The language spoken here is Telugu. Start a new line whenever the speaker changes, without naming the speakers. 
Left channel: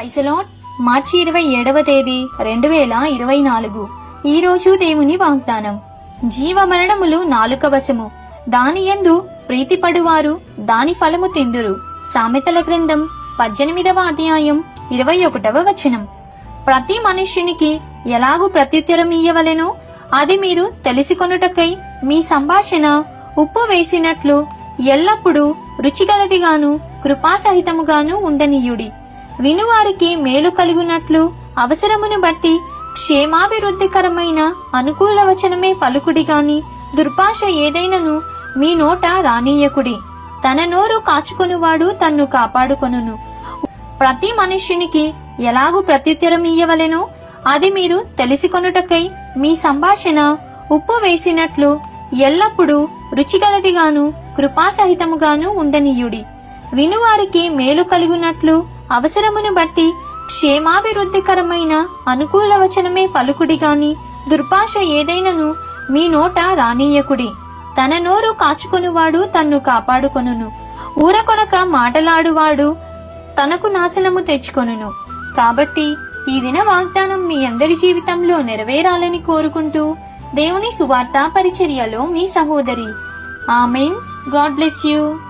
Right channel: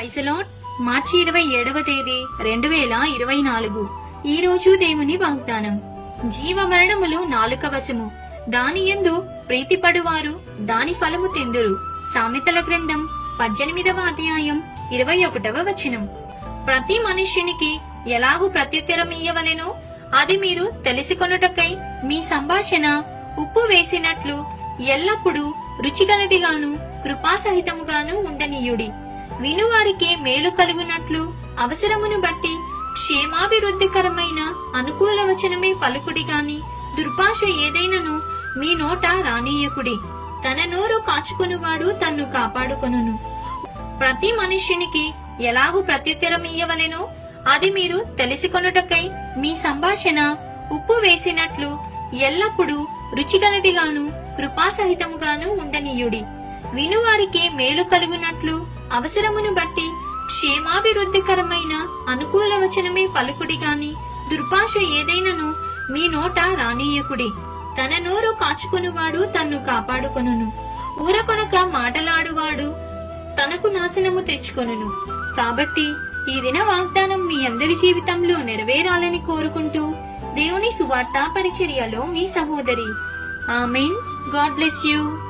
ఐసలాట్ మార్చి ఇరవై ఏడవ తేదీ రెండు వేల ఇరవై నాలుగు. ఈ రోజు దేవుని వాగ్దానం. జీవమరణములు నాలుక వశము. దాని యందు ప్రీతిపడువారు దాని ఫలము తిందురు. సామెతల గ్రంథం పద్దెనిమిదవ అధ్యాయం ఇరవై ఒకటవ వచనం. ప్రతి మనుష్యునికి ఎలాగూ ప్రత్యుత్తరం ఇయ్యవలెనో? అది మీరు తెలిసికొనుటకై మీ సంభాషణ ఉప్పు వేసినట్లు ఎల్లప్పుడూ రుచిగలదిగాను కృపాసహితముగాను ఉండనీయుడి. వినువారికి మేలు కలుగునట్లు అవసరమును బట్టి క్షేమాభివృద్ధికరమైన అనుకూల వచనమే పలుకుడి గాని దుర్భాష ఏదైనను మీ నోట రానీయకుడి. తన నోరు కాచుకొనువాడు తన్ను కాపాడుకొనును. ప్రతి మనుష్యునికి ఎలాగూ ప్రత్యుత్తరం ఇయ్యవలెనో? అది మీరు తెలిసికొనుటకై మీ సంభాషణ ఉప్పు వేసినట్లు ఎల్లప్పుడూ రుచిగలదిగాను కృపాసహితముగాను ఉండనీయుడి. వినువారికి మేలు కలుగునట్లు అవసరమును బట్టి క్షేమాభివృద్ధికరమైన అనుకూల వచనమే పలుకుడి గాని దుర్భాష ఏదైనను మీ నోట రానీయకుడి. తన నోరు కాచుకొనువాడు తన్ను కాపాడుకొనును. ఊరకొనక మాటలాడువాడు తనకు నాశనము తెచ్చుకొనును. కాబట్టి ఈ దిన వాగ్దానం మీ అందరి జీవితంలో నెరవేరాలని కోరుకుంటూ దేవుని సువార్తా పరిచర్యలో మీ సహోదరి. ఆమెన్. God bless you.